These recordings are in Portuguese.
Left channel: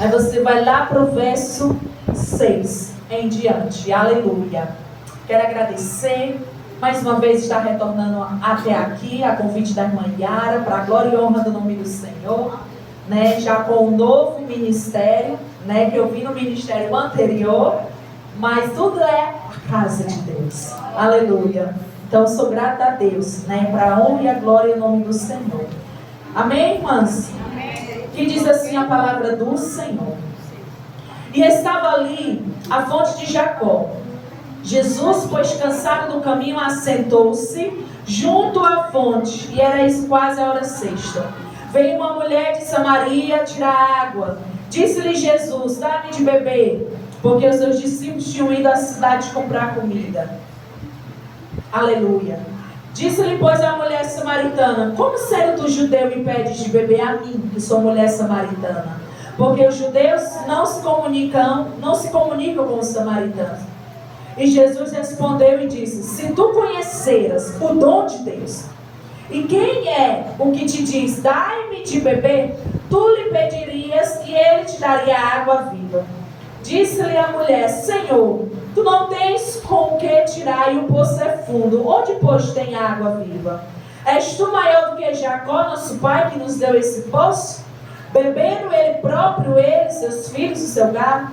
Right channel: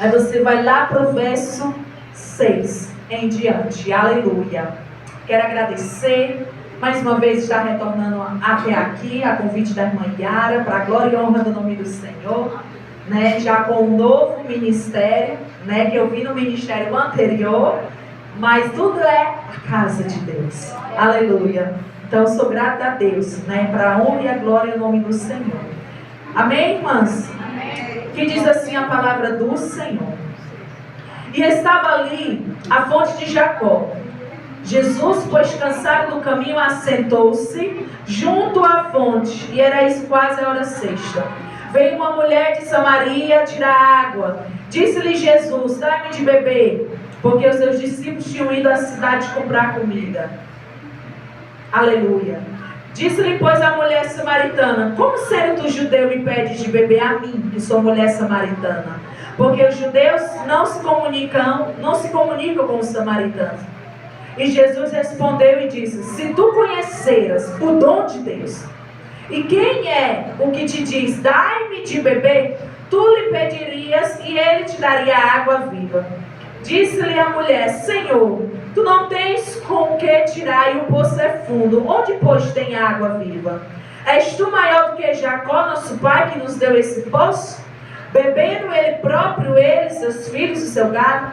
Aí você vai lá para o verso 6 em diante. Aleluia. Quero agradecer. Mais uma vez está retornando até aqui, a convite da irmã Yara, para a glória e honra do nome do Senhor, né? Já com um novo ministério, né? Que eu vi no ministério anterior, mas tudo é a casa de Deus. Aleluia. Então eu sou grata a Deus, né? Para a honra e a glória do nome do Senhor. Amém, irmãs? Amém. Que diz assim a palavra do Senhor. E estava ali a fonte de Jacó. Jesus, pois cansado do caminho, assentou-se junto à fonte, e era isso quase a hora sexta. Veio uma mulher de Samaria tirar água. Disse-lhe Jesus: dá-me de beber, porque os seus discípulos tinham ido à cidade comprar comida. Aleluia. Disse-lhe, pois, a mulher samaritana: como sendo tu judeu me pedes de beber a mim, que sou mulher samaritana? Porque os judeus não se comunicam com os samaritanos. E Jesus respondeu e disse: se tu conheceras o dom de Deus, e quem é o que te diz, dai-me de beber, tu lhe pedirias e ele te daria água viva. Disse-lhe a mulher: Senhor, tu não tens com o que tirar e o poço é fundo. Onde, pois, tem água viva? És tu maior do que Jacó, nosso pai, que nos deu esse poço? Bebendo ele próprio, ele, seus filhos e seu gado?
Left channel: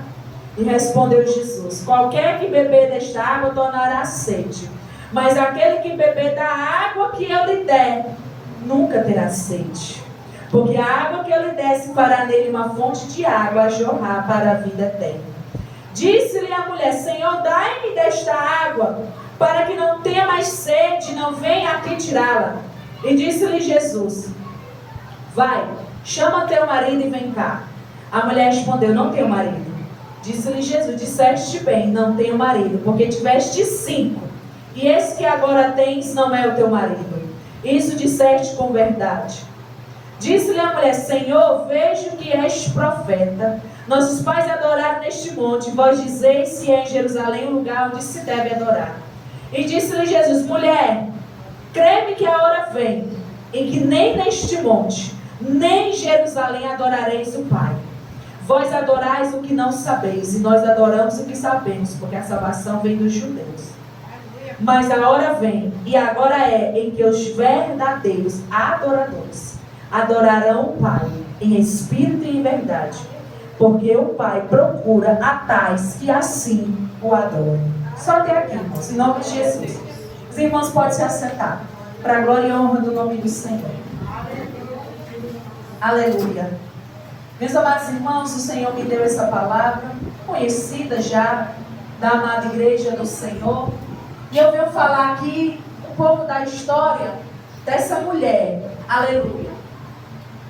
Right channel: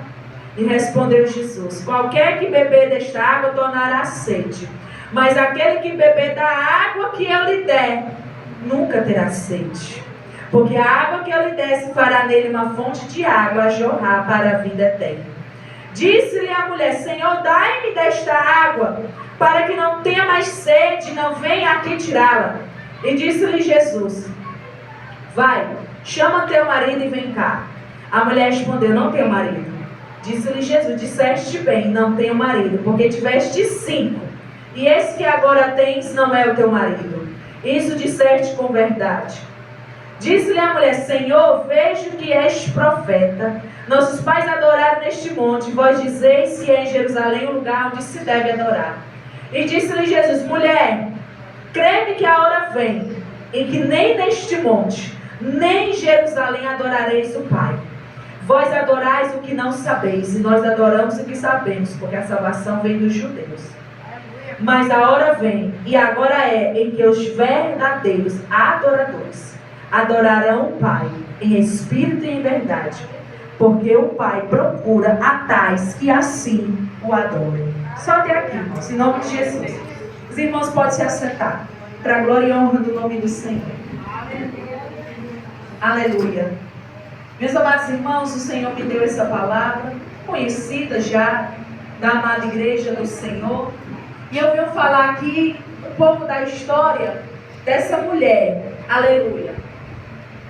E respondeu Jesus: qualquer que beber desta água tornará sede, mas aquele que beber da água que eu lhe der, nunca terá sede. Porque a água que eu lhe der se fará nele uma fonte de água a jorrar para a vida eterna. Disse-lhe a mulher: Senhor, dai-me desta água, para que não tenha mais sede, não venha aqui tirá-la. E disse-lhe Jesus: vai, chama teu marido e vem cá. A mulher respondeu: não tenho marido. Disse-lhe Jesus: disseste bem, não tenho marido, porque tiveste 5, e esse que agora tens não é o teu marido. Isso disseste com verdade. Disse-lhe a mulher: Senhor, vejo que és profeta. Nossos pais adoraram neste monte, vós dizeis que é em Jerusalém o lugar onde se deve adorar. E disse-lhe Jesus: mulher, crê-me que a hora vem, em que nem neste monte, nem em Jerusalém adorareis o Pai. Vós adorais o que não sabeis, e nós adoramos o que sabemos, porque a salvação vem dos judeus. Mas a hora vem, e agora é, em que os verdadeiros adoradores adorarão o Pai em espírito e em verdade, porque o Pai procura a tais que assim o adorem. Só até aqui, irmãos, em nome de Jesus. Os irmãos podem se assentar, para a glória e honra do nome do Senhor. Aleluia. Meus amados irmãos, o Senhor me deu essa palavra, conhecida já da amada igreja do Senhor. E eu venho falar aqui um pouco da história dessa mulher. Aleluia.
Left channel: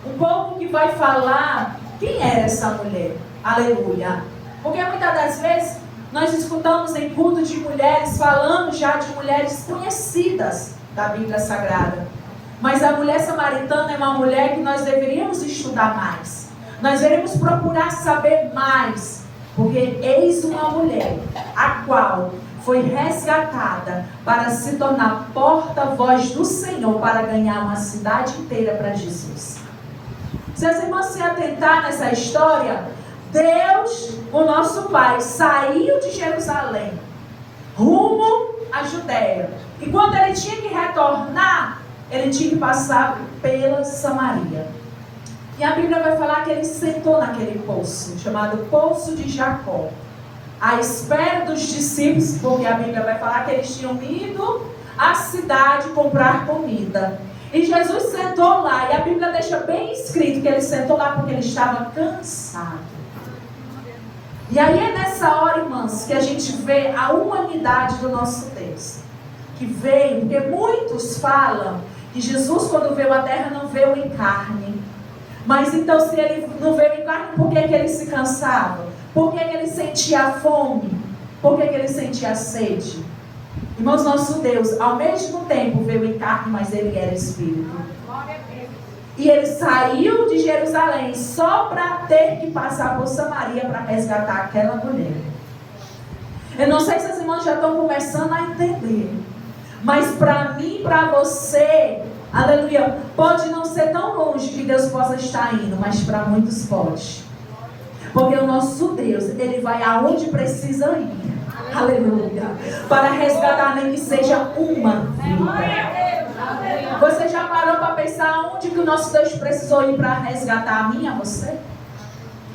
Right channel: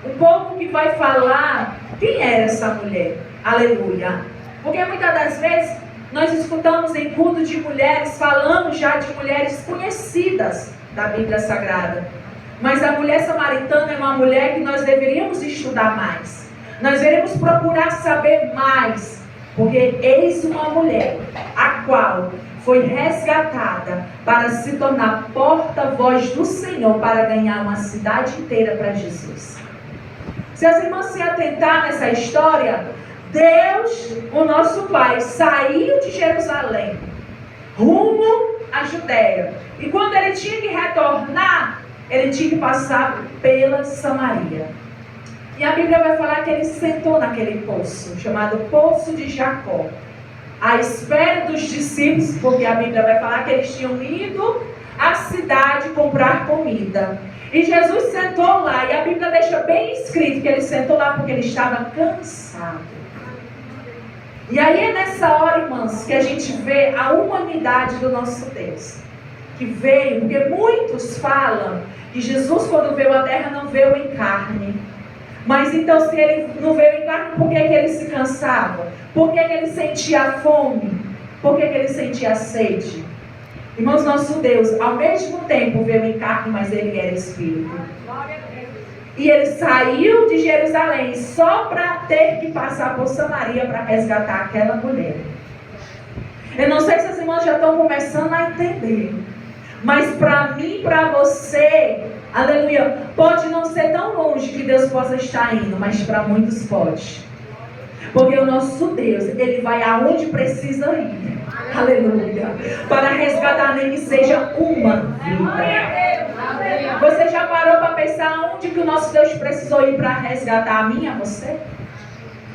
Um pouco que vai falar quem era essa mulher. Aleluia. Porque muitas das vezes nós escutamos em culto de mulheres, falando já de mulheres conhecidas da Bíblia Sagrada. Mas a mulher samaritana é uma mulher que nós deveríamos estudar mais. Nós devemos procurar saber mais, porque eis uma mulher a qual foi resgatada para se tornar porta-voz do Senhor, para ganhar uma cidade inteira para Jesus. Se as irmãs se atentar nessa história, Deus, o nosso Pai, saiu de Jerusalém rumo à Judéia, e quando ele tinha que retornar, ele tinha que passar pela Samaria. E a Bíblia vai falar que ele sentou naquele poço, chamado Poço de Jacó, à espera dos discípulos, porque a Bíblia vai falar que eles tinham ido à cidade comprar comida. E Jesus sentou lá, e a Bíblia deixa bem escrito que ele sentou lá porque ele estava cansado. E aí é nessa hora, irmãos, que a gente vê a humanidade do nosso Deus, que veio, porque muitos falam que Jesus, quando veio à terra, não veio em carne. Mas então, se ele não veio em carne, por que ele se cansava? Por que ele sentia fome? Por que ele sentia sede? Irmãos, nosso Deus, ao mesmo tempo, veio em carne, mas ele era espírito. E ele saiu de Jerusalém só para ter que passar por Samaria para resgatar aquela mulher. Eu não sei se as irmãs já estão começando a entender, mas para mim, para você, aleluia, pode não ser tão longe que Deus possa estar indo, mas para muitos pode. Porque o nosso Deus, Ele vai aonde precisa ir. Aleluia. Para resgatar nem que seja uma vida. Você já parou para pensar onde que o nosso Deus precisou ir para resgatar a mim e a você?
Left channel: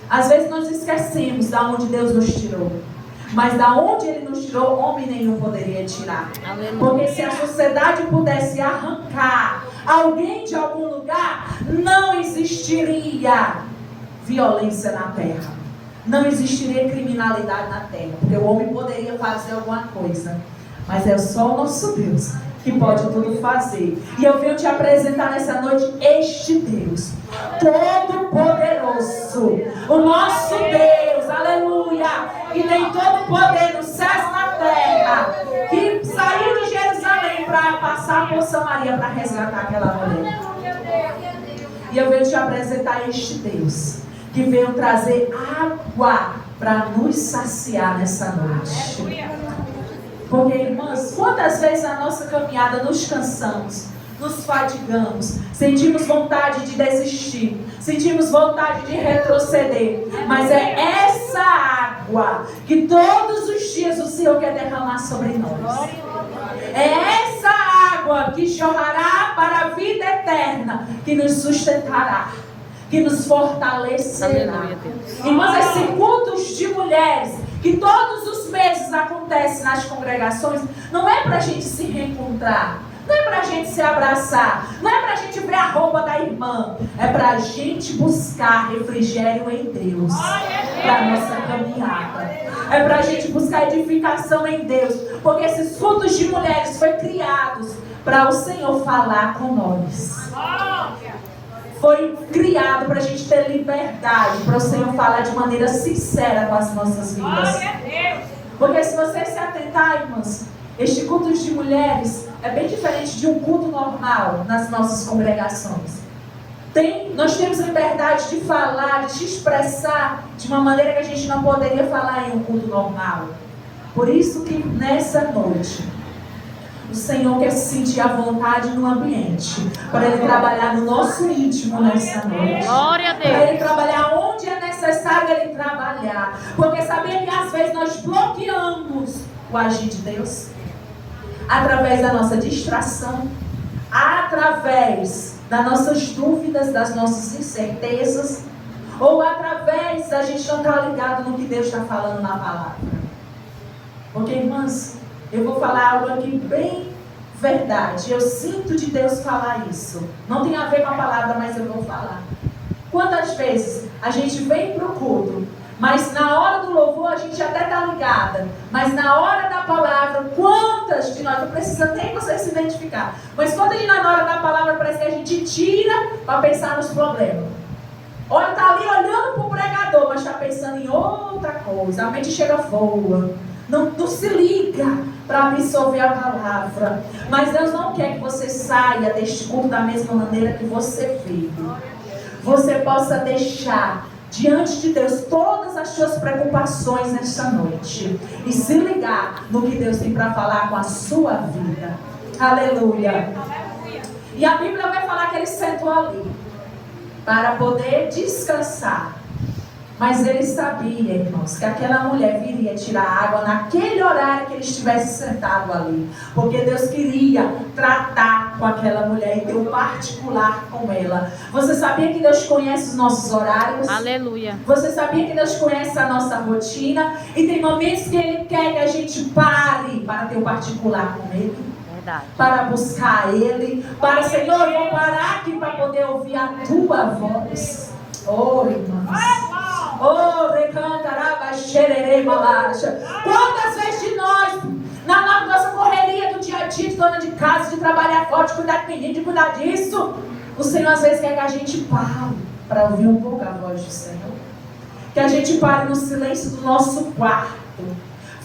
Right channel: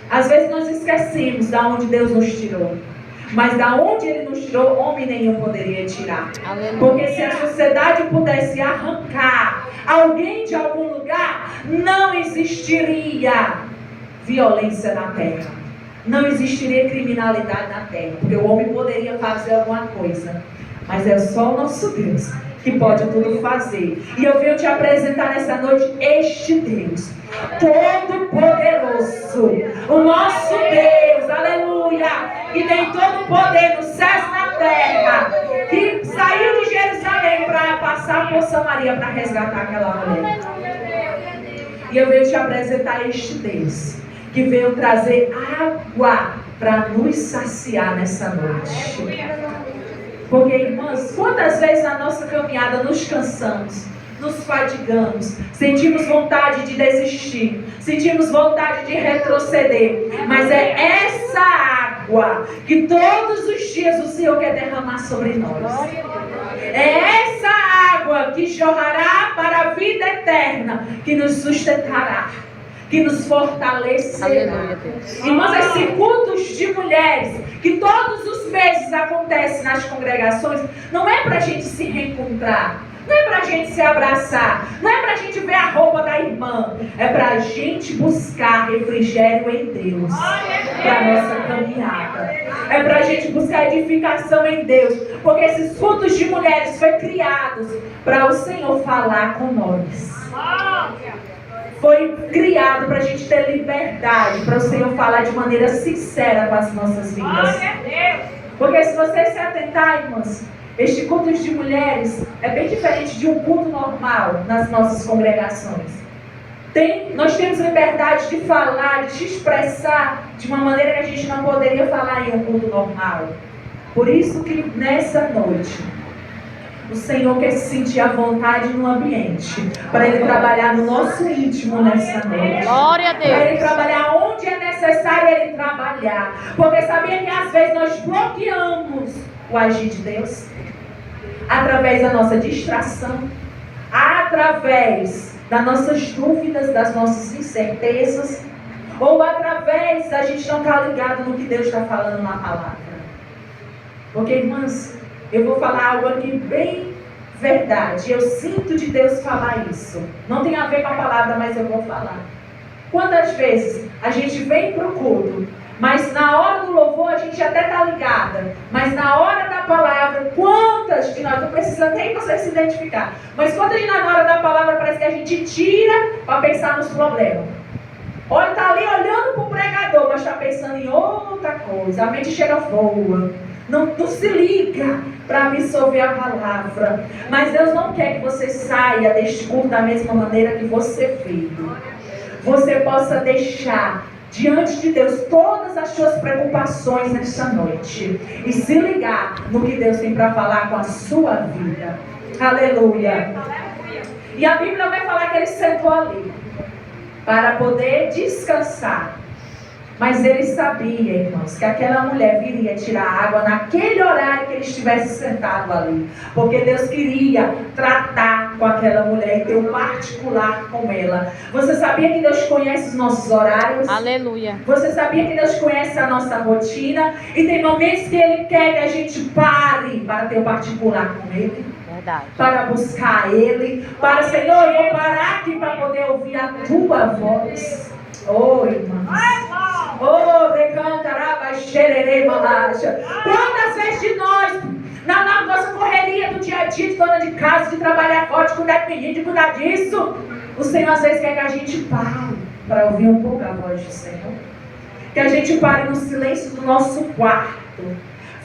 Às vezes nós esquecemos da onde Deus nos tirou. Mas da onde Ele nos tirou, homem nenhum poderia tirar. Porque se a sociedade pudesse arrancar alguém de algum lugar, não existiria violência na terra. Não existiria criminalidade na terra. Porque o homem poderia fazer alguma coisa. Mas é só o nosso Deus que pode tudo fazer. E eu venho te apresentar nessa noite este Deus Todo-Poderoso, o nosso Deus, aleluia, que tem todo o poder nos céus e na terra, que saiu de Jerusalém para passar por Samaria para resgatar aquela mulher. E eu venho te apresentar este Deus que veio trazer água para nos saciar nessa noite. Porque, irmãs, quantas vezes na nossa caminhada nos cansamos, nos fadigamos, sentimos vontade de desistir, sentimos vontade de retroceder, mas é essa água que todos os dias o Senhor quer derramar sobre nós. É essa água que jorrará para a vida eterna, que nos sustentará, que nos fortalecerá. Irmãs, esses cultos de mulheres que todos os meses acontecem nas congregações, não é para a gente se reencontrar, não é para a gente se abraçar, não é para a gente ver a roupa da irmã, é para a gente buscar refrigério em Deus para a nossa caminhada, é para a gente buscar edificação em Deus, porque esses cultos de mulheres foi criados para o Senhor falar com nós. Foi criado para a gente ter liberdade, para o Senhor falar de maneira sincera com as nossas vidas. Porque se você se atentar, irmãs, este culto de mulheres é bem diferente de um culto normal nas nossas congregações. Nós temos liberdade de falar, de se expressar de uma maneira que a gente não poderia falar em um culto normal. Por isso que nessa noite o Senhor quer se sentir à vontade no ambiente, para Ele trabalhar no nosso íntimo nessa noite. Glória a Deus. Para Ele trabalhar onde é necessário Ele trabalhar. Porque sabia que às vezes nós bloqueamos o agir de Deus? Através da nossa distração, através das nossas dúvidas, das nossas incertezas, ou através da gente não estar ligado no que Deus está falando na palavra. Porque, irmãs, eu vou falar algo aqui bem verdade. Eu sinto de Deus falar isso. Não tem a ver com a palavra, mas eu vou falar. Quantas vezes a gente vem para o culto, mas na hora do louvor a gente até está ligada, mas na hora da palavra, quantas de nós, não precisa nem você se identificar, mas quantas de nós na hora da palavra parece que a gente tira para pensar nos problemas. Olha, está ali olhando para o pregador, mas está pensando em outra coisa. A mente chega voa. Não se liga para absorver a palavra. Mas Deus não quer que você saia deste culto da mesma maneira que você veio. Você possa deixar diante de Deus todas as suas preocupações nesta noite e se ligar no que Deus tem para falar com a sua vida. Aleluia. E a Bíblia vai falar que ele sentou ali para poder descansar. Mas ele sabia, irmãos, que aquela mulher viria tirar água naquele horário que ele estivesse sentado ali. Porque Deus queria tratar com aquela mulher e ter um particular com ela. Você sabia que Deus conhece os nossos horários? Aleluia. Você sabia que Deus conhece a nossa rotina? E tem momentos que Ele quer que a gente pare para ter um particular com Ele. Verdade. Para buscar Ele. Para, Senhor, eu vou parar aqui para poder ouvir a Tua voz. Oh, irmãos. Oh, recantaraba, xererê, malacha. Quantas vezes de nós, na nossa correria do dia a dia, de dona de casa, de trabalhar forte, de cuidar de menino, de cuidar disso, o Senhor às vezes quer que a gente pare para ouvir um pouco a voz do Senhor. Que a gente pare no silêncio do nosso quarto,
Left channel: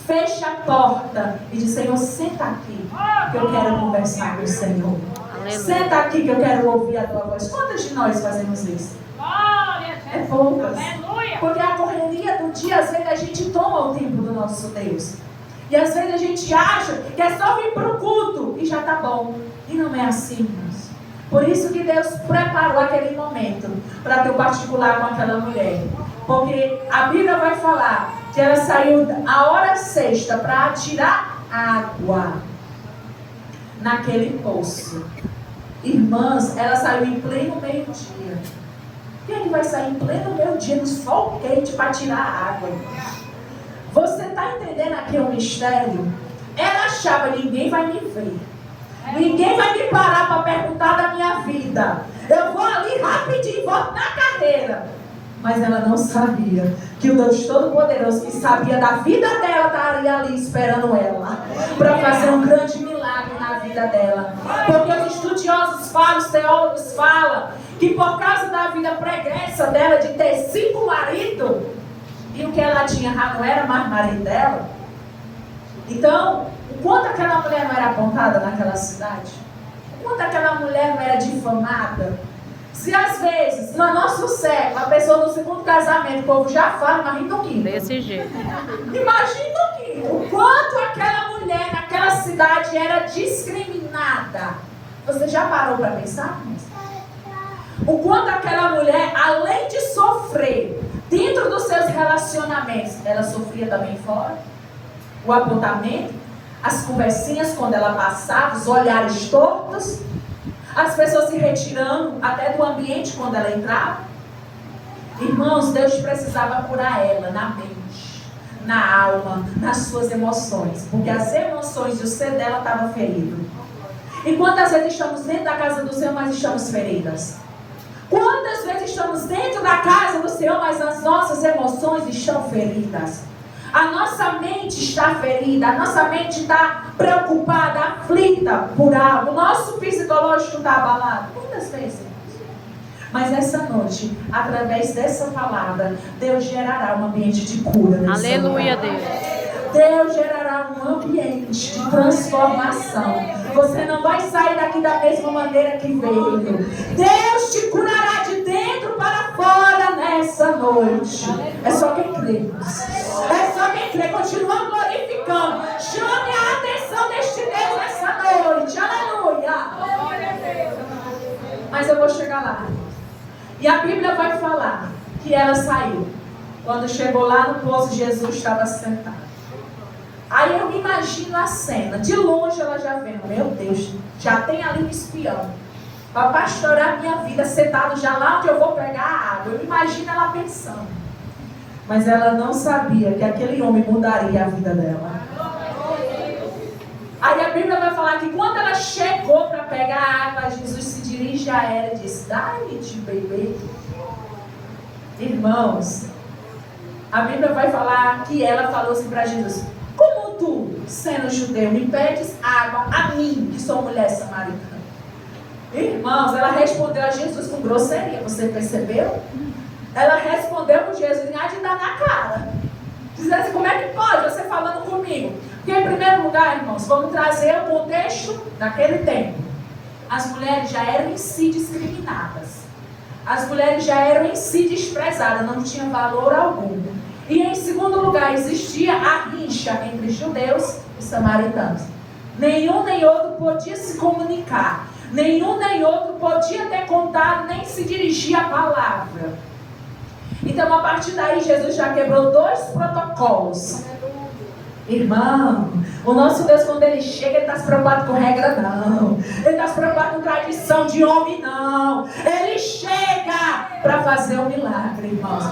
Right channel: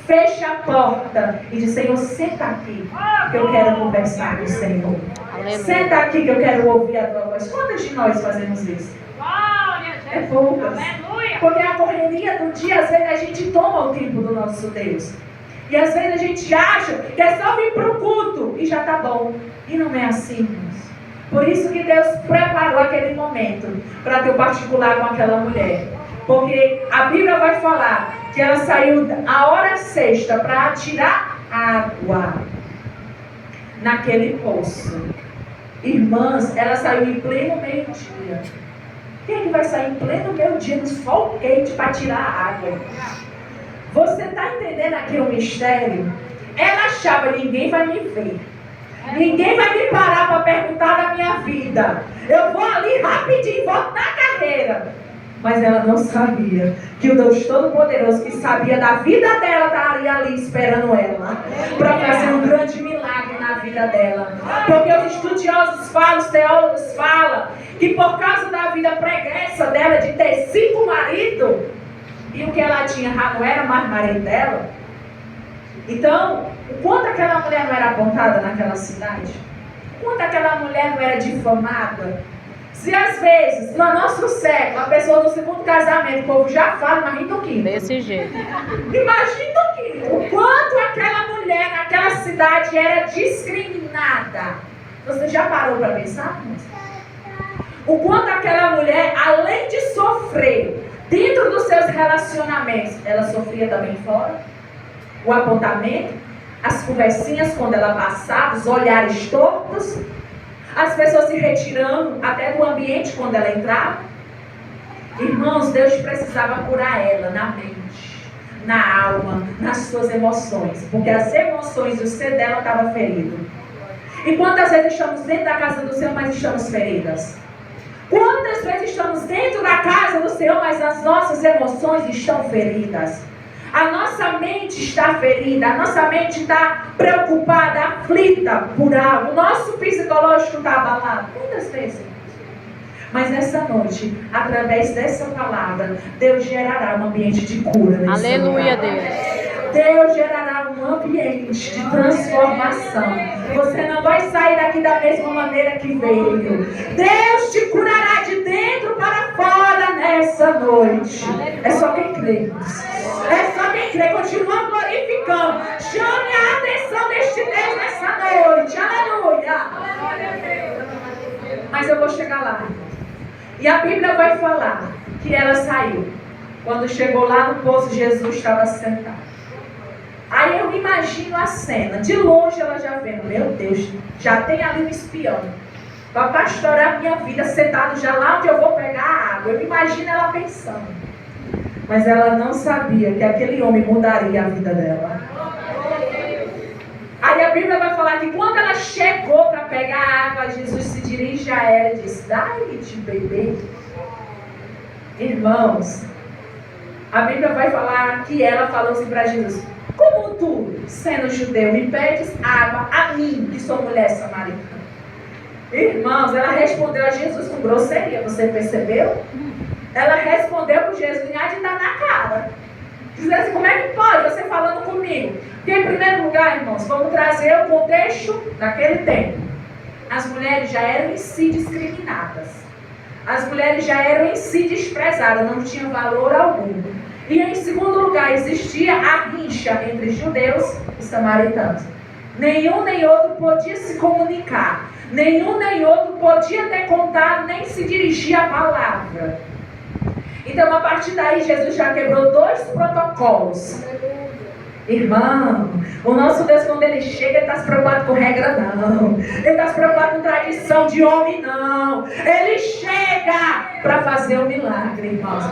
feche a porta e diz: Senhor, senta aqui, que eu quero conversar com o Senhor. Aleluia. Senta aqui que eu quero ouvir a Tua voz. Quantas de nós fazemos isso? É poucas. Aleluia. Porque a correria do dia, às vezes a gente toma o tempo do nosso Deus. E às vezes a gente acha que é só vir para o culto e já está bom. E não é assim, irmãos. Por isso que Deus preparou aquele momento para ter o particular com aquela mulher. Porque a Bíblia vai falar que ela saiu a hora sexta para tirar água naquele poço. Irmãs, ela saiu em pleno meio-dia. Quem é que vai sair em pleno meio-dia no sol quente para tirar água? Você está entendendo aqui o mistério? Ela achava, ninguém vai me ver. Ninguém vai me parar para perguntar da minha vida. Eu vou ali rapidinho e volto na carreira. Mas ela não sabia que o Deus Todo-Poderoso, que sabia da vida dela, estaria ali esperando ela para fazer um grande milagre na vida dela. Porque os estudiosos falam, os teólogos falam, que por causa da vida pregressa dela de ter 5 maridos, e o que ela tinha já não era mais marido dela. Então, o quanto aquela mulher não era apontada naquela cidade, o quanto aquela mulher não era difamada. Se às vezes, no nosso século, a pessoa no segundo casamento, o povo já fala, mas no quinto. Desse jeito. Imagina o quinto. O quanto aquela mulher naquela cidade era discriminada. Você já parou para pensar? O quanto aquela mulher, além de sofrer dentro dos seus relacionamentos, ela sofria também fora. O apontamento, as conversinhas quando ela passava, os olhares tortos. As pessoas se retirando até do ambiente quando ela entrava. Irmãos, Deus precisava curar ela na mente, na alma, nas suas emoções. Porque as emoções e o ser dela estavam ferido. E quantas vezes estamos dentro da casa do Senhor, mas estamos feridas? Quantas vezes estamos dentro da casa do Senhor, mas as nossas emoções estão feridas? A nossa mente está ferida, a nossa mente está preocupada, aflita por algo. O nosso psicológico está abalado. Quantas vezes? Mas essa noite, através dessa palavra, Deus gerará um ambiente de cura. Aleluia, Deus. Deus gerará um ambiente de transformação. Você não vai sair daqui da mesma maneira que veio. Deus te curará de dentro para fora nessa noite. É só quem crê. É só quem crê. Continua glorificando. Chame a atenção deste Deus nessa noite. Aleluia. Mas eu vou chegar lá. E a Bíblia vai falar que ela saiu. Quando chegou lá no poço, Jesus estava sentado. Aí eu imagino a cena. De longe ela já vendo. Meu Deus, já tem ali um espião para pastorear minha vida, sentado já lá onde eu vou pegar a água. Eu imagino ela pensando. Mas ela não sabia que aquele homem mudaria a vida dela. Aí a Bíblia vai falar que quando ela chegou para pegar a água, Jesus se dirige a ela e diz: dá-lhe de beber. Irmãos, a Bíblia vai falar que ela falou assim para Jesus: como tu, sendo judeu, me pedes água a mim, que sou mulher samaritana? Irmãos, ela respondeu a Jesus com grosseria. Você percebeu? Ela respondeu com Jesus e há de dar na cara. Dizendo assim: como é que pode você falando comigo? Porque em primeiro lugar, irmãos, vamos trazer o contexto daquele tempo. As mulheres já eram em si discriminadas. As mulheres já eram em si desprezadas, não tinham valor algum. E em segundo lugar, existia a rixa entre judeus e samaritanos. Nenhum nem outro podia se comunicar. Nenhum nem outro podia ter contato, nem se dirigir a palavra. Então, a partir daí, Jesus já quebrou 2 protocolos. Irmão, o nosso Deus, quando Ele chega, Ele está se preocupado com regra, não. Ele está se preocupado com tradição de homem, não. Ele chega para fazer o milagre, irmãos.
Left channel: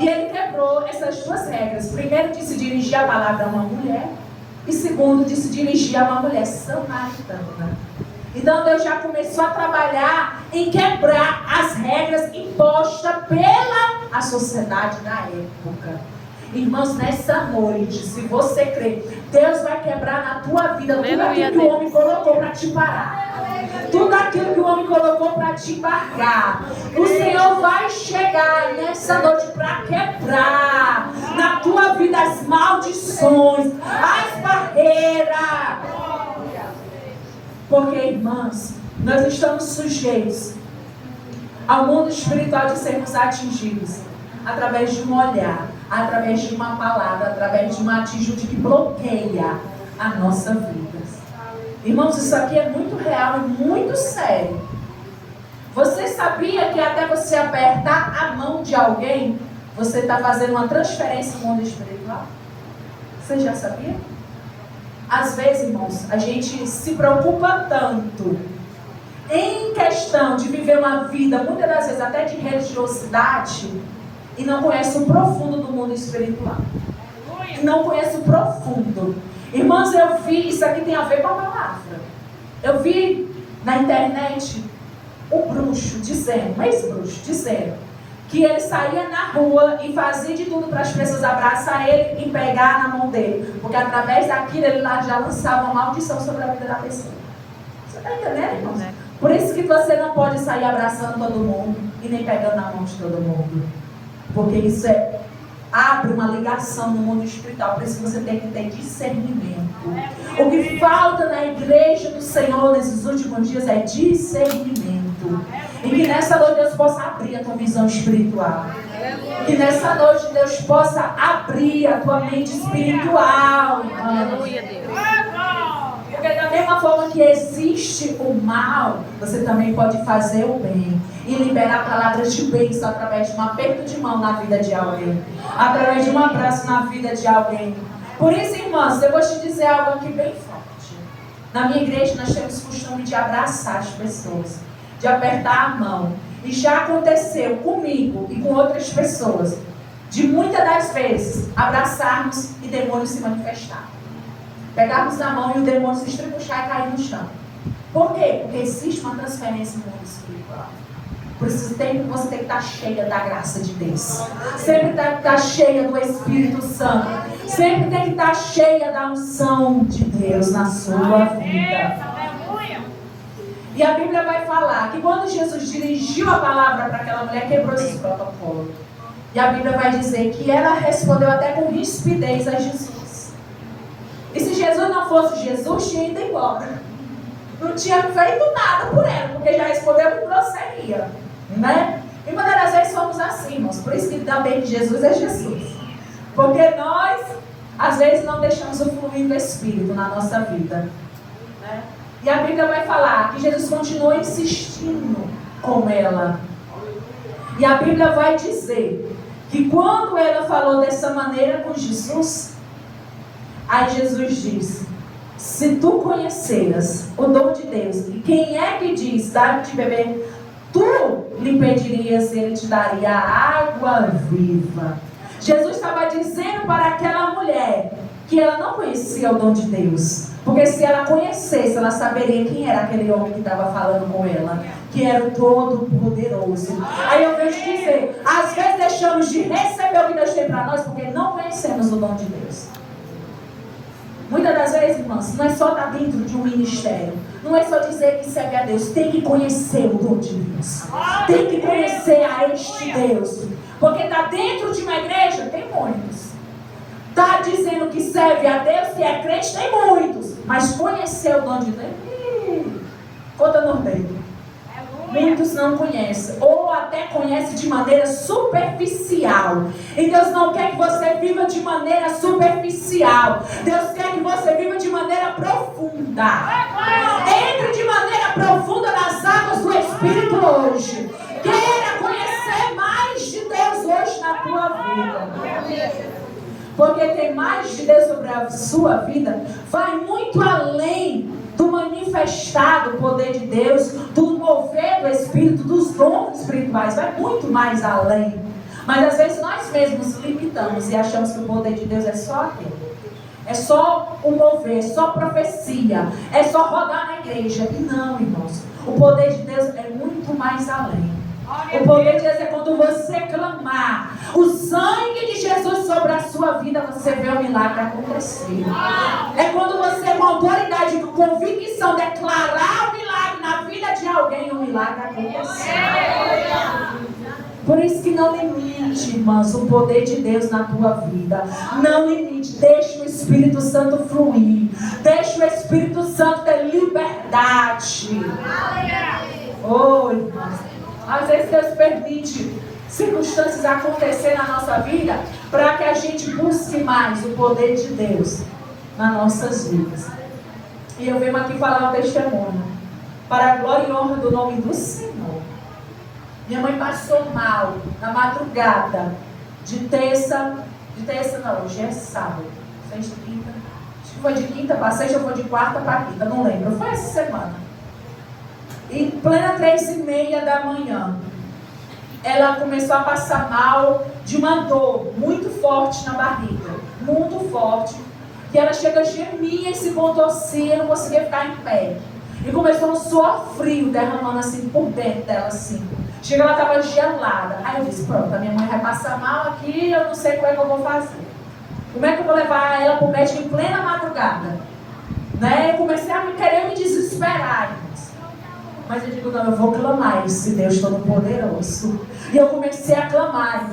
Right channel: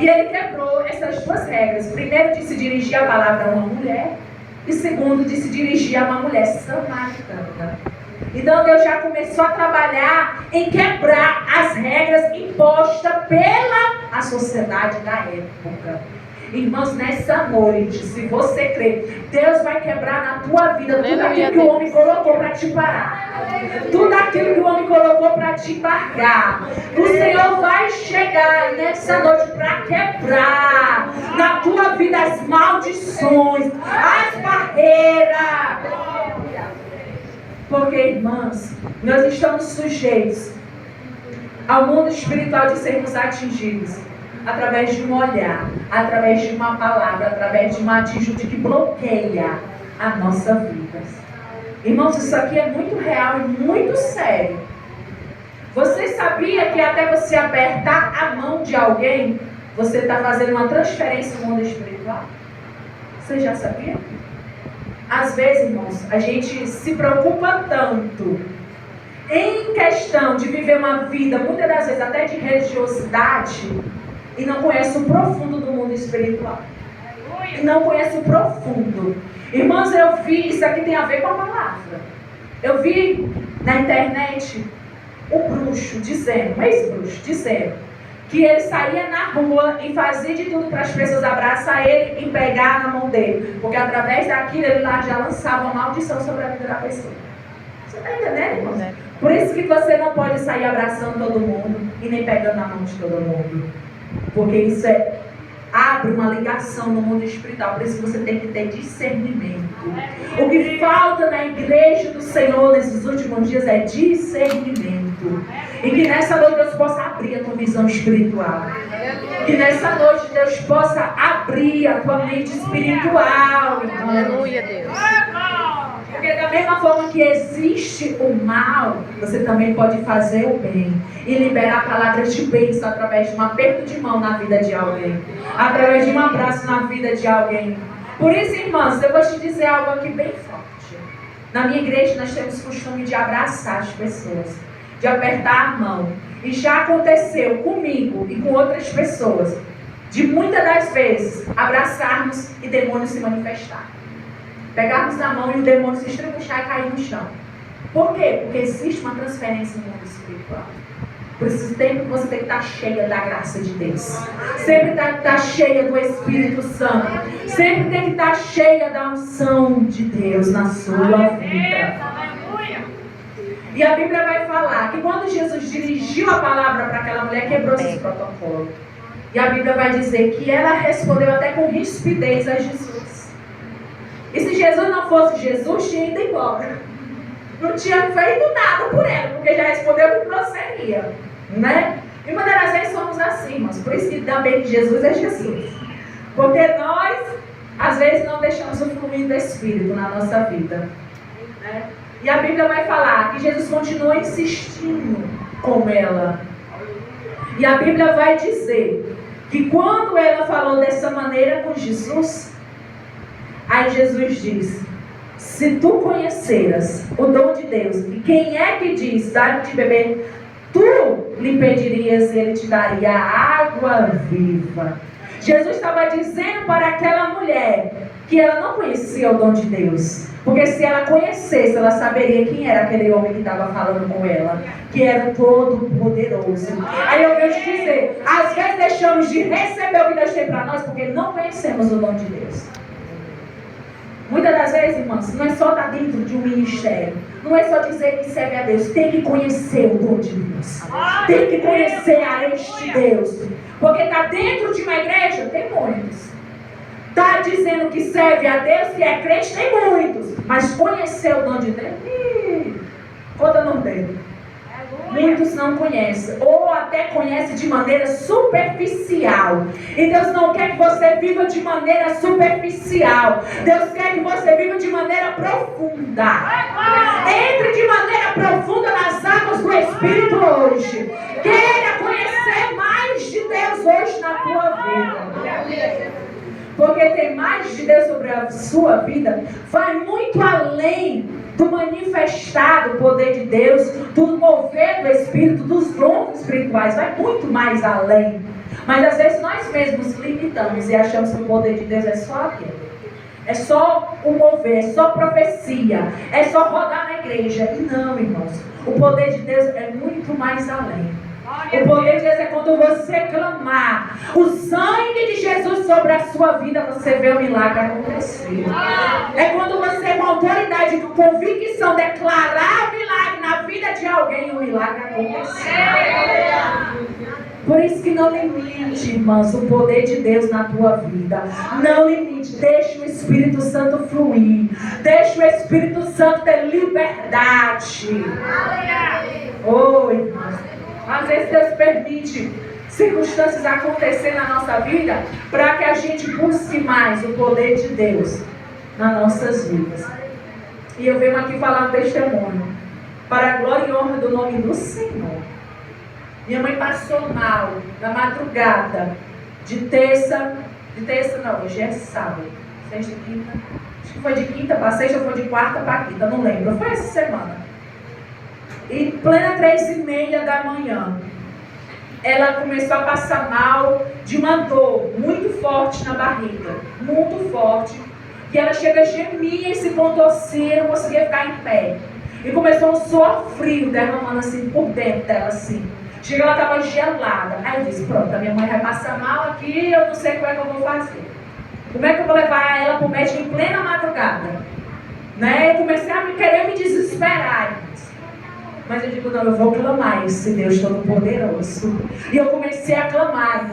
E Ele quebrou essas 2 regras. Primeiro, de se dirigir a palavra a uma mulher. E segundo, de se dirigir a uma mulher samaritana. Então Deus já começou a trabalhar em quebrar as regras impostas pela sociedade da época. Irmãos, nessa noite, se você crê, Deus vai quebrar na tua vida tudo aquilo que o homem colocou para te parar. Tudo aquilo que o homem colocou para te embargar. O Senhor vai chegar nessa noite para quebrar na tua vida as maldições, as barreiras. Porque, irmãs, nós estamos sujeitos ao mundo espiritual de sermos atingidos através de um olhar, através de uma palavra, através de uma atitude que bloqueia a nossa vida. Irmãos, isso aqui é muito real e muito sério. Você sabia que até você apertar a mão de alguém, você está fazendo uma transferência no mundo espiritual. Você já sabia? Às vezes, irmãos, a gente se preocupa tanto em questão de viver uma vida, muitas das vezes até de religiosidade, e não conhece o profundo do mundo espiritual. E não conhece o profundo. Irmãos, eu vi, isso aqui tem a ver com a palavra. Eu vi na internet um bruxo dizendo, um ex-bruxo dizendo, que ele saía na rua e fazia de tudo para as pessoas abraçar ele e pegar na mão dele. Porque através daquilo ele lá já lançava uma maldição sobre a vida da pessoa. Você está entendendo, irmãos? Por isso que você não pode sair abraçando todo mundo e nem pegando na mão de todo mundo. Porque isso abre uma ligação no mundo espiritual. Por isso você tem que ter discernimento. O que falta na igreja do Senhor nesses últimos dias é discernimento. E que nessa noite Deus possa abrir a tua visão espiritual. Que nessa noite Deus possa abrir a tua mente espiritual. Aleluia, Deus. Porque da mesma forma que existe o mal, você também pode fazer o bem. E liberar palavras de bênção através de um aperto de mão na vida de alguém. Através de um abraço na vida de alguém. Por isso, irmãos, eu vou te dizer algo aqui bem forte. Na minha igreja nós temos costume de abraçar as pessoas. De apertar a mão. E já aconteceu comigo e com outras pessoas. De muitas das vezes abraçarmos e demônios se manifestar. Pegarmos na mão e o demônio se estribuchar e cair no chão. Por quê? Porque existe uma transferência no mundo espiritual. Por isso sempre você tem que estar cheia da graça de Deus. Sempre tem que estar cheia do Espírito Santo. Sempre tem que estar cheia da unção de Deus na sua vida. E a Bíblia vai falar que quando Jesus dirigiu a palavra para aquela mulher, quebrou esse protocolo. E a Bíblia vai dizer que ela respondeu até com rispidez a Jesus. E se Jesus não fosse Jesus, tinha ido embora. Não tinha feito nada por ela, porque já respondeu com grosseria, né? E muitas das vezes somos assim, irmãos. Por isso que também Jesus é Jesus. Porque nós, às vezes, não deixamos o fluir do Espírito na nossa vida, né? E a Bíblia vai falar que Jesus continuou insistindo com ela. E a Bíblia vai dizer que quando ela falou dessa maneira com Jesus, aí Jesus diz: se tu conheceras o dom de Deus, e quem é que diz, dá-lhe de beber, tu lhe pedirias e ele te daria água viva. Jesus estava dizendo para aquela mulher que ela não conhecia o dom de Deus. Porque se ela conhecesse, ela saberia quem era aquele homem que estava falando com ela. Que era o Todo-Poderoso. Aí eu vejo dizer, às vezes deixamos de receber o que Deus tem para nós porque não conhecemos o dom de Deus. Muitas das vezes, irmãos, não é só estar dentro de um ministério. Não é só dizer que serve a Deus. Tem que conhecer o dom de Deus. Tem que conhecer a este Deus. Porque está dentro de uma igreja, tem muitos. Está dizendo que serve a Deus, que é crente, tem muitos. Mas conhecer o dom de Deus, conta no dedo. Muitos não conhecem, ou até conhecem de maneira superficial. E Deus não quer que você viva de maneira superficial. Deus quer que você viva de maneira profunda. Entre de maneira profunda nas águas do Espírito hoje. Queira conhecer mais de Deus hoje na tua vida. Porque ter mais de Deus sobre a sua vida vai muito além do manifestar do poder de Deus, do mover do Espírito, dos dons espirituais. Vai muito mais além. Mas às vezes nós mesmos limitamos e achamos que o poder de Deus é só aquilo. É só o mover, é só profecia, é só rodar na igreja. E não, irmãos. O poder de Deus é muito mais além. O poder de Deus é quando você clamar o sangue de Jesus sobre a sua vida, você vê o milagre acontecer. É quando você, com autoridade, com convicção, declarar o milagre na vida de alguém, o milagre acontecer. Por isso que não limite, irmãos, o poder de Deus na tua vida. Não limite, deixa o Espírito Santo fluir. Deixa o Espírito Santo ter liberdade. Oh, irmãos. Às vezes Deus permite circunstâncias acontecer na nossa vida para que a gente busque mais o poder de Deus nas nossas vidas. E eu venho aqui falar um testemunho para a glória e honra do nome do Senhor. Minha mãe passou mal na madrugada de terça não, hoje é sábado, sexta, quinta, acho que foi de quinta para sexta ou foi de quarta para quinta, não lembro, foi essa semana. E plena 3h30 da manhã, ela começou a passar mal de uma dor muito forte na barriga, muito forte, e ela chega a gemir e se contorcia, não conseguia ficar em pé. E começou um suor frio derramando assim por dentro dela assim. Chega, ela estava gelada. Aí eu disse, pronto, a minha mãe vai passar mal aqui, eu não sei como é que eu vou fazer. Como é que eu vou levar ela para o médico em plena madrugada? Né? E comecei a querer me desesperar. Mas eu digo, não, eu vou clamar esse Deus Todo-Poderoso. E eu comecei a clamar.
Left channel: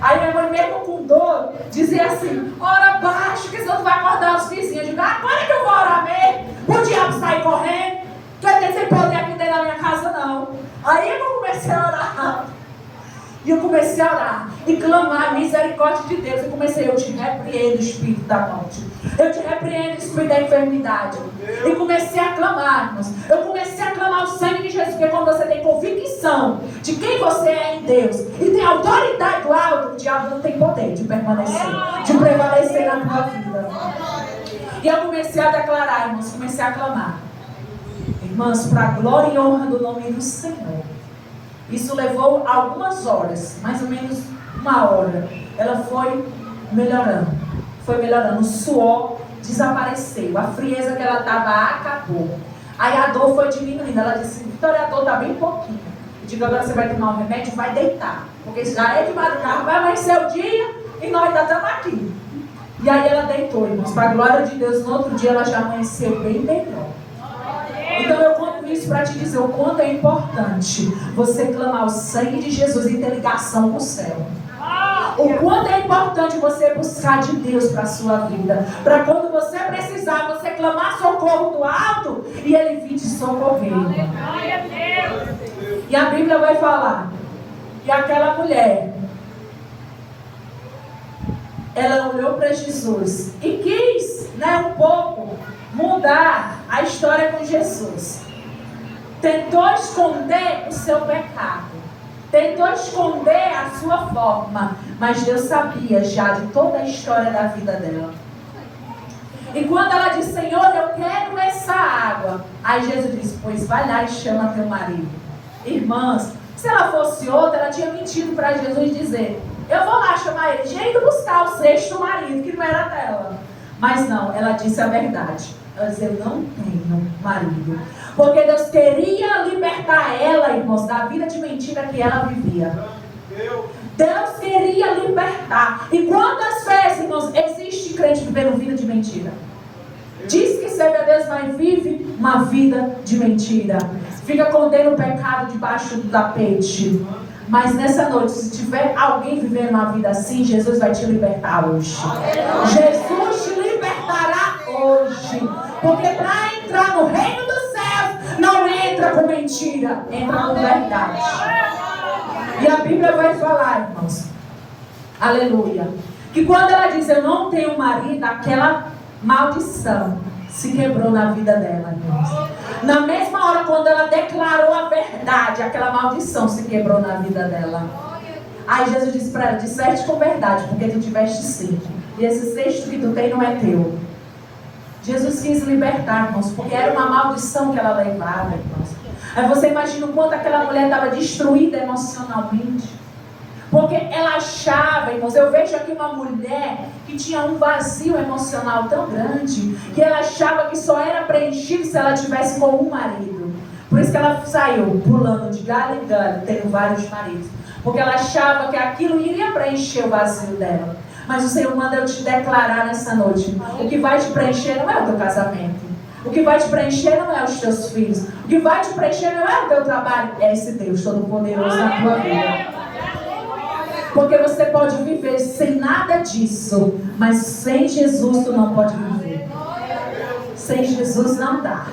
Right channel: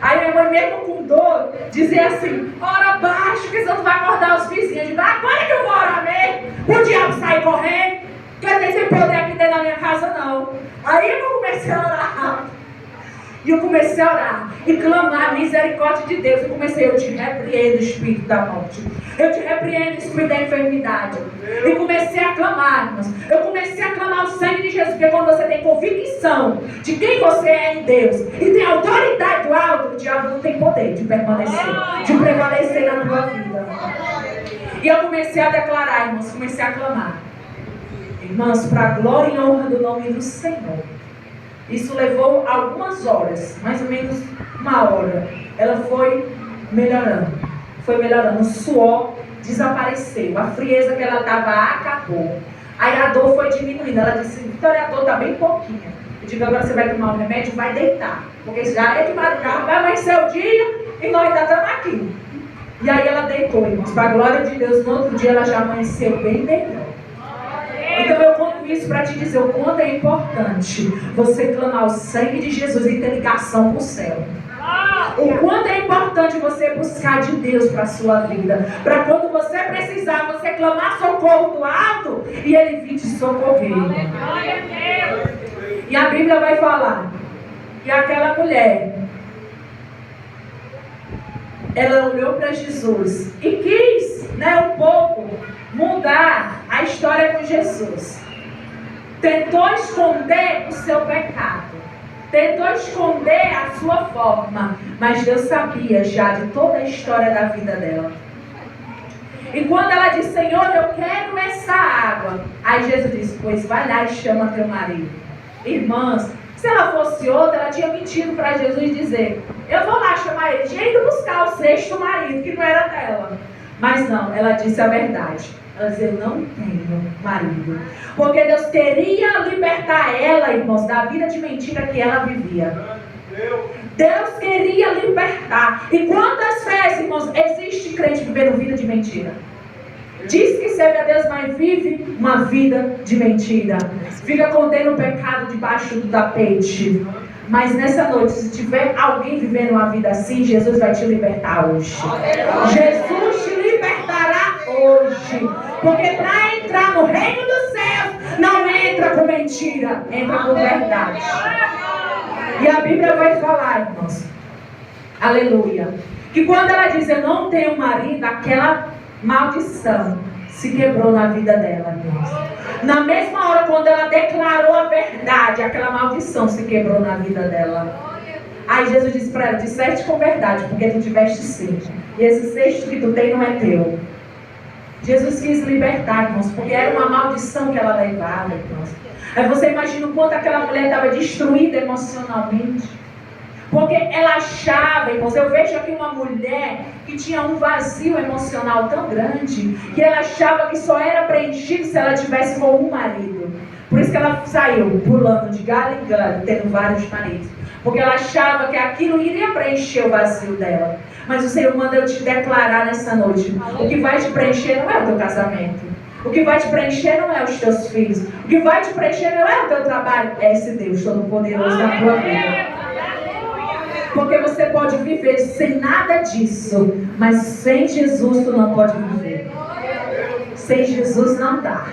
Aí minha mãe, mesmo com dor, dizia assim, ora baixo, que senão tu vai acordar os vizinhos. Eu digo, agora que eu vou orar mesmo, o diabo sai correndo, que eu tenho sem poder aqui dentro da minha casa, não. Aí eu comecei a orar. E eu comecei a orar e clamar a misericórdia de Deus. Eu te repreendo, espírito da morte. Eu te repreendo, espírito da enfermidade. E comecei a clamar, irmãos. Eu comecei a clamar o sangue de Jesus. Porque quando você tem convicção de quem você é em Deus e tem autoridade do alto, o diabo não tem poder de permanecer, de prevalecer na tua vida. E eu comecei a declarar, irmãos, comecei a clamar. Irmãos, para a glória e honra do nome do Senhor. Isso levou algumas horas, mais ou menos 1 hora. Ela foi melhorando. O suor desapareceu. A frieza que ela estava acabou. Aí a dor foi diminuindo. Ela disse, Vitória, a dor está bem pouquinho. Eu digo, agora você vai tomar um remédio e vai deitar. Porque já é de madrugada, vai amanhecer o dia e nós ainda estamos aqui. E aí ela deitou, irmãos. Para a glória de Deus, no outro dia ela já amanheceu bem melhor. Então eu conto isso para te dizer o quanto é importante você clamar o sangue de Jesus e ter ligação com o céu. O quanto é importante você buscar de Deus para a sua vida. Para quando você precisar, você clamar socorro do alto e Ele vir te socorrer. E a Bíblia vai falar que aquela mulher, ela olhou para Jesus e quis, um pouco mudar a história com Jesus. Tentou esconder o seu pecado. Tentou esconder a sua forma. Mas Deus sabia já de toda a história da vida dela. E quando ela disse, Senhor, eu quero essa água. Aí Jesus disse, pois vai lá e chama teu marido. Irmãs, se ela fosse outra, ela tinha mentido para Jesus dizer, eu vou lá chamar ele. Tinha ido buscar o 6º marido, que não era dela. Mas não, ela disse a verdade. Ela disse, eu não tenho marido. Porque Deus queria libertar ela, irmãos, da vida de mentira que ela vivia. Deus queria libertar. E quantas vezes, irmãos, existe crente vivendo vida de mentira? Diz que serve a Deus, mas vive uma vida de mentira. Fica contendo o pecado debaixo do tapete. Mas nessa noite, se tiver alguém vivendo uma vida assim, Jesus vai te libertar hoje. Jesus te libertará hoje. Porque para entrar no reino dos céus, não entra com mentira, entra com verdade. E a Bíblia vai falar, irmãos, aleluia, que quando ela diz, eu não tenho marido, aquela maldição se quebrou na vida dela, irmãos. Na mesma hora, quando ela declarou a verdade, aquela maldição se quebrou na vida dela. Aí Jesus disse para ela, disseste com verdade, porque tu tiveste 5. E esse 6º que tu tem não é teu. Jesus quis libertar, irmãos, porque era uma maldição que ela levava, irmãos. Aí você imagina o quanto aquela mulher estava destruída emocionalmente. Porque ela achava, irmãos, eu vejo aqui uma mulher que tinha um vazio emocional tão grande, que ela achava que só era preenchido se ela tivesse com um marido. Por isso que ela saiu pulando de galho em galho, tendo vários maridos. Porque ela achava que aquilo iria preencher o vazio dela. Mas o Senhor manda eu te declarar nessa noite. O que vai te preencher não é o teu casamento. O que vai te preencher não é os teus filhos. O que vai te preencher não é o teu trabalho. É esse Deus Todo-Poderoso na tua vida. Porque você pode viver sem nada disso. Mas sem Jesus tu não pode viver. Sem Jesus não dá.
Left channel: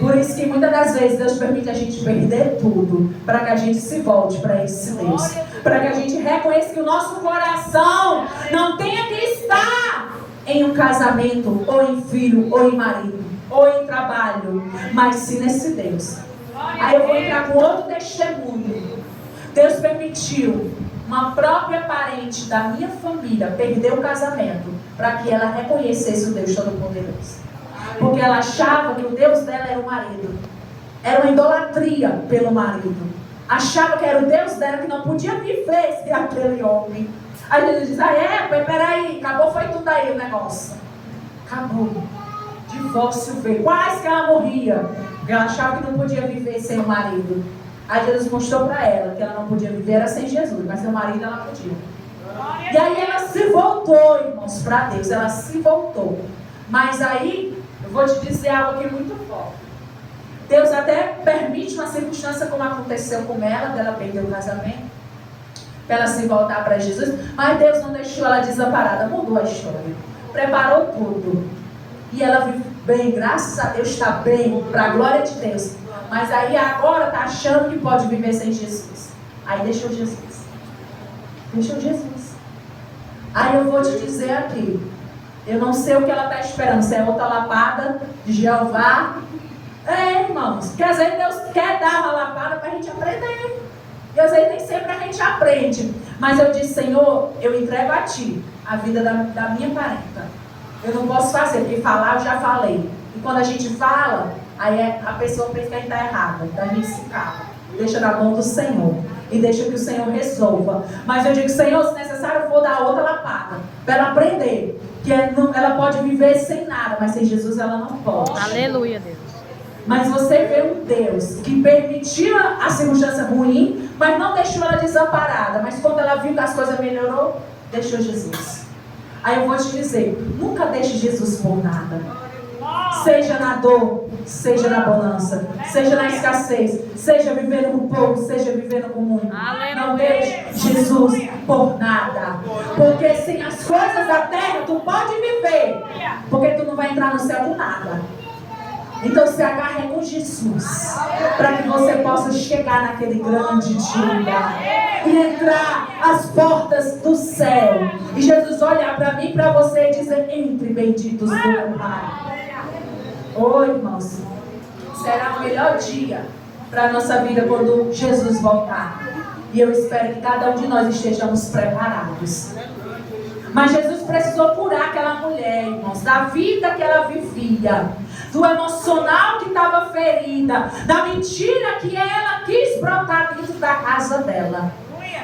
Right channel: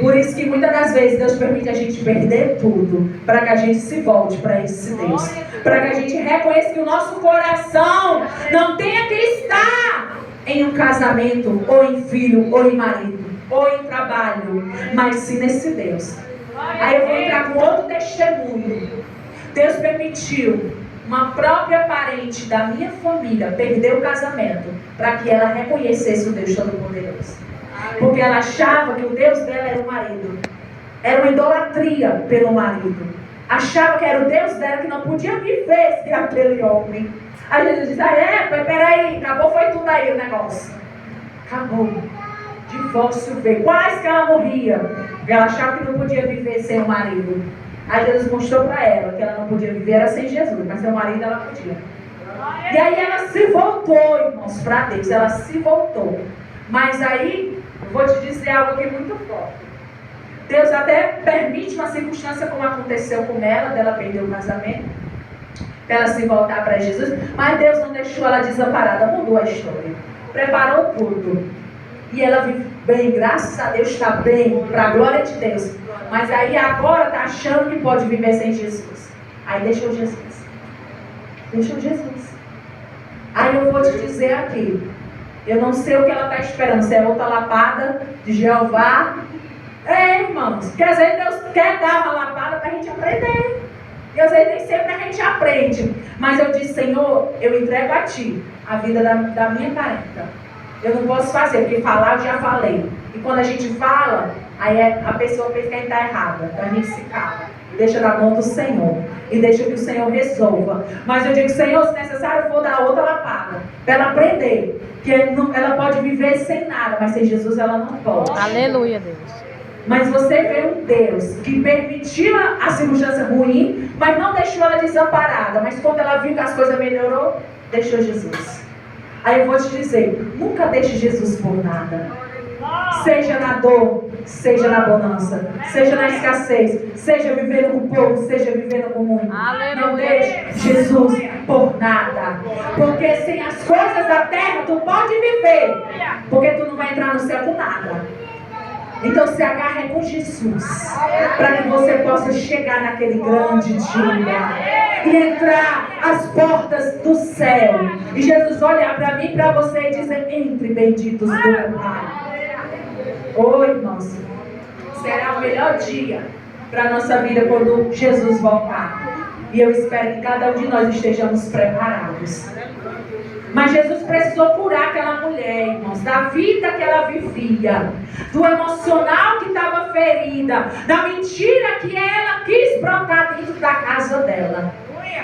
Por isso que muitas das vezes Deus permite a gente perder tudo, para que a gente se volte para esse Deus, para que a gente reconheça que o nosso coração não tenha que estar em um casamento, ou em filho, ou em marido, ou em trabalho, mas sim nesse Deus. Aí eu vou entrar com outro testemunho. Deus permitiu uma própria parente da minha família perder o casamento para que ela reconhecesse o Deus Todo-Poderoso. Porque ela achava que o Deus dela era o marido. Era uma idolatria pelo marido. Achava que era o Deus dela que não podia viver sem aquele homem. Aí Jesus diz, peraí, acabou, foi tudo aí o negócio. Acabou. Divórcio veio. Quase que ela morria. Porque ela achava que não podia viver sem o marido. Aí Jesus mostrou para ela que ela não podia viver era sem Jesus, mas sem o marido ela podia. E aí ela se voltou, irmãos, para Deus. Ela se voltou. Mas aí, eu vou te dizer algo aqui muito forte. Deus até permite uma circunstância como aconteceu com ela, dela perder o casamento, para ela se voltar para Jesus. Mas Deus não deixou ela desamparada, mudou a história. Preparou tudo. E ela vive bem, graças a Deus está bem, para a glória de Deus. Mas aí agora está achando que pode viver sem Jesus. Aí deixou Jesus. Deixou Jesus. Aí eu vou te dizer aqui. Eu não sei o que ela está esperando. Se é outra lapada de Jeová. Irmãos. Porque às vezes Deus quer dar uma lapada para a gente aprender. E às vezes nem sempre a gente aprende. Mas eu disse, Senhor, eu entrego a Ti a vida da minha parenta. Eu não posso fazer, porque falar eu já falei. E quando a gente fala, aí a pessoa pensa que a gente está errada. Então a gente se cala. Deixa na mão do Senhor. E deixa que o Senhor resolva. Mas eu digo, Senhor, se necessário, eu vou dar outra lapada. Para ela aprender. Que ela pode viver sem nada. Mas sem Jesus ela não pode. Aleluia, Deus. Mas você vê um Deus que permitiu a circunstância ruim, mas não deixou ela desamparada. Mas quando ela viu que as coisas melhorou, deixou Jesus. Aí eu vou te dizer, nunca deixe Jesus por nada. Seja na dor, seja na bonança, seja na escassez, seja vivendo com pouco, seja vivendo com muito. Não deixe Jesus por nada. Porque sem as coisas da terra tu pode viver. Porque tu não vai entrar no céu com nada. Então se agarre com Jesus, para que você possa chegar naquele grande dia e entrar as portas do céu. E Jesus olhar para mim e para você e dizer, entre benditos do meu Pai. Irmãos, será o melhor dia para a nossa vida quando Jesus voltar. E eu espero que cada um de nós estejamos preparados. Mas Jesus precisou curar aquela mulher, irmãos, da vida que ela vivia, do emocional que estava ferida, da mentira que ela quis brotar dentro da casa dela.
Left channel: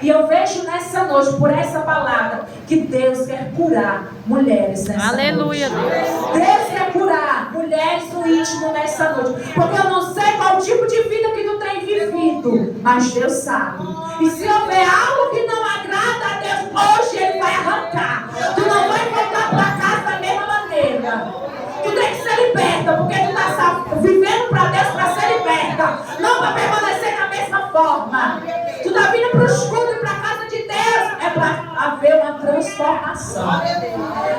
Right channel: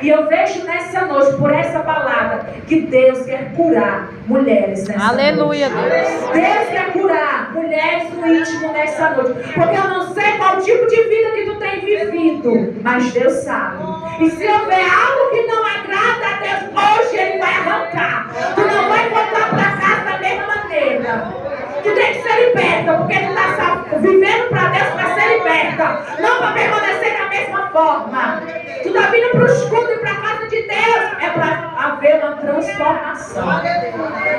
E eu vejo nessa noite, por essa palavra, que Deus quer curar mulheres nessa noite. Aleluia, Deus. Deus quer curar mulheres no íntimo nessa noite. Porque eu não sei qual tipo de vida que tu tem vivido, mas Deus sabe. E se houver algo que não agrada a Deus, hoje Ele vai arrancar. Tu não vai voltar para casa da mesma maneira. Tu tem que ser liberta, porque tu está vivendo para Deus para ser liberta, não para permanecer da mesma forma. Tu está vindo para o escudo e para a casa de Deus. É para haver uma transformação.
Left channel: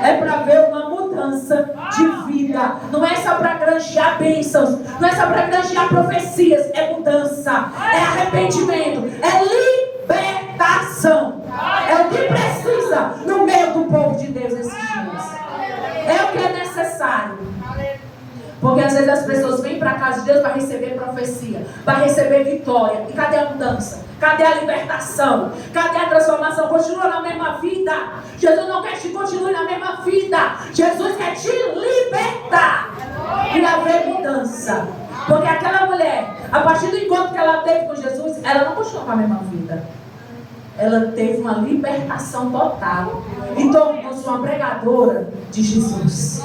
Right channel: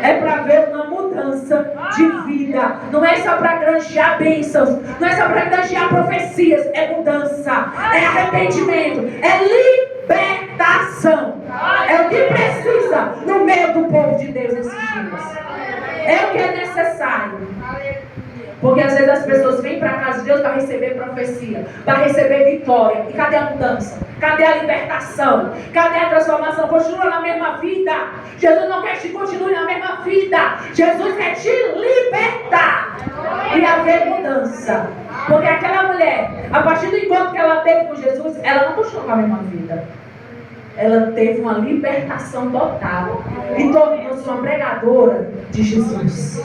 É para haver uma mudança de vida. Não é só para granjear bênçãos. Não é só para granjear profecias. É mudança. É arrependimento. É libertação. É o que precisa no meio do povo de Deus esses dias. É o que é necessário. Porque às vezes as pessoas vêm para a casa de Deus para receber profecia, para receber vitória. E cadê a mudança? Cadê a libertação? Cadê a transformação? Continua na mesma vida. Jesus não quer que continue na mesma vida. Jesus quer te libertar e haver mudança. Porque aquela mulher, a partir do encontro que ela teve com Jesus, ela não continuou com a mesma vida. Ela teve uma libertação total e tornou-se uma pregadora de Jesus.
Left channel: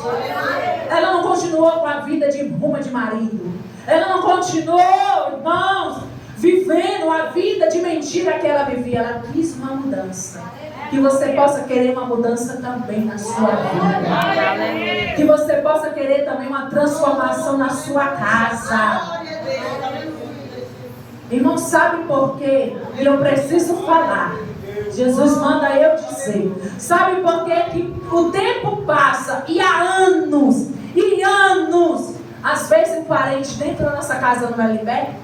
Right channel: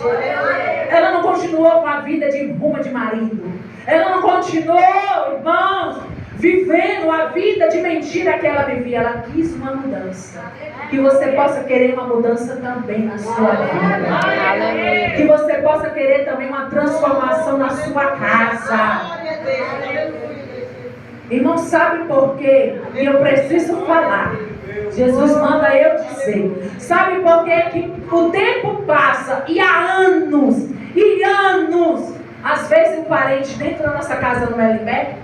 Ela não continuou com a vida de rumo de marido. Ela não continuou, irmãos, vivendo a vida de mentira que ela vivia. Ela quis uma mudança. Que você possa querer uma mudança também na sua vida. Que você possa querer também uma transformação na sua casa. Irmão, sabe por quê? E eu preciso falar. Jesus manda eu dizer. Sabe por quê? Que o tempo passa e há anos e anos. Às vezes um parente dentro da nossa casa não é liberto,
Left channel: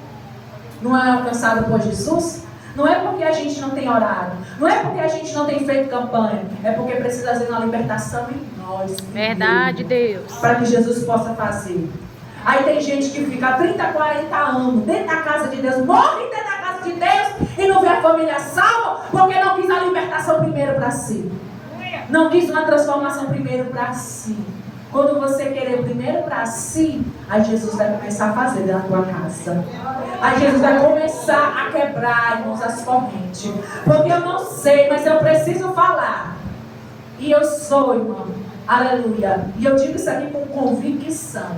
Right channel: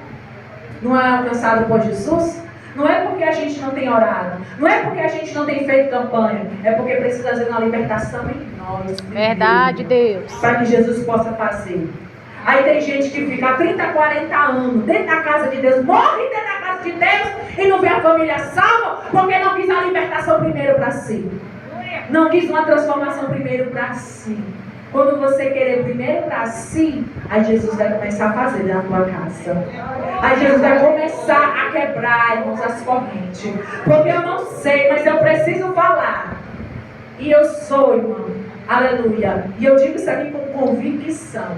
não é alcançado por Jesus. Não é porque a gente não tem orado, não é porque a gente não tem feito campanha, é porque precisa fazer uma libertação em nós. Verdade, Deus. Para que Jesus possa fazer. Aí tem gente que fica há 30, 40 anos dentro da casa de Deus, morre dentro da casa de Deus e não vê a família salva porque não quis a libertação primeiro para si. Não quis uma transformação primeiro para si. Quando você querer primeiro para si, aí Jesus vai começar a fazer na tua casa. Aí Jesus vai começar a quebrar, irmãos, as correntes. Porque eu não sei, mas eu preciso falar. E eu sou, irmão. Aleluia. E eu digo isso aqui com convicção.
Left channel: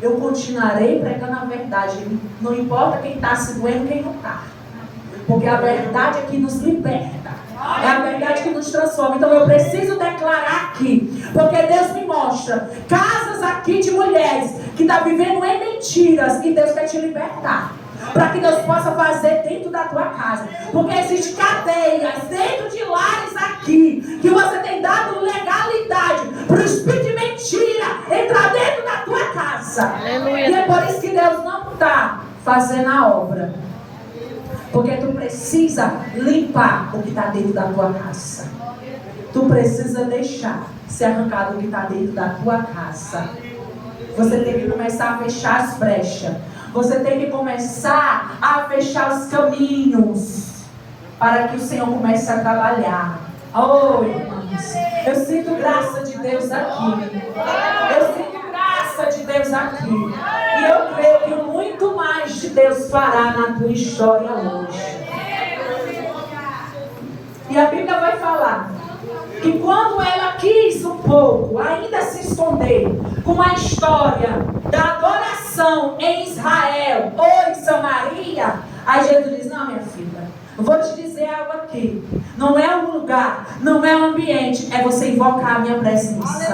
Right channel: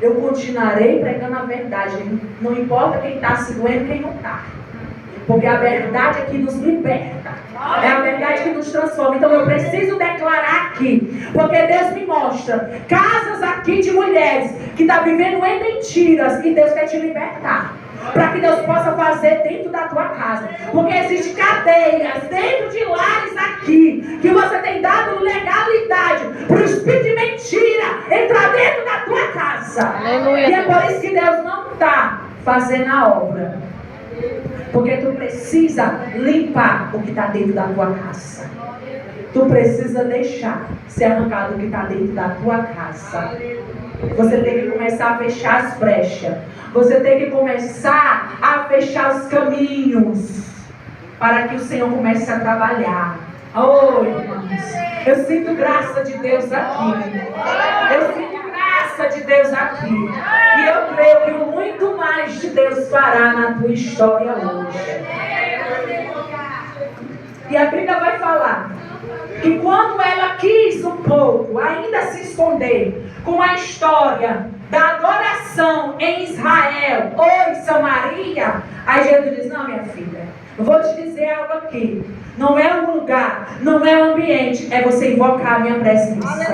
Eu continuarei pregando a verdade. Não importa quem está se doendo, quem não está. Porque a verdade é que nos liberta. É a verdade que nos transforma. Então eu preciso declarar aqui. Porque Deus me mostra casas aqui de mulheres que estão vivendo em mentiras. E Deus quer te libertar. Para que Deus possa fazer dentro da tua casa. Porque existem cadeias dentro de lares aqui. Que você tem dado legalidade para o espírito de mentira entrar dentro da tua casa. Aleluia. E é por isso que Deus não está fazendo a obra. Porque tu precisa limpar o que está dentro da tua casa. Tu precisa deixar ser arrancado o que está dentro da tua casa. Você tem que começar a fechar as brechas. Você tem que começar a fechar os caminhos. Para que o Senhor comece a trabalhar. Oh, irmãos, eu sinto graça de Deus aqui. Eu sinto graça de Deus aqui. E eu creio que muito mais de Deus fará na tua história hoje. E a Bíblia vai falar que quando ela quis um pouco ainda se esconder com a história da adoração em Israel ou em Samaria, aí Jesus diz: não, minha filha, eu vou te dizer algo aqui. Não é um lugar, não é um ambiente, é você invocar a minha presença.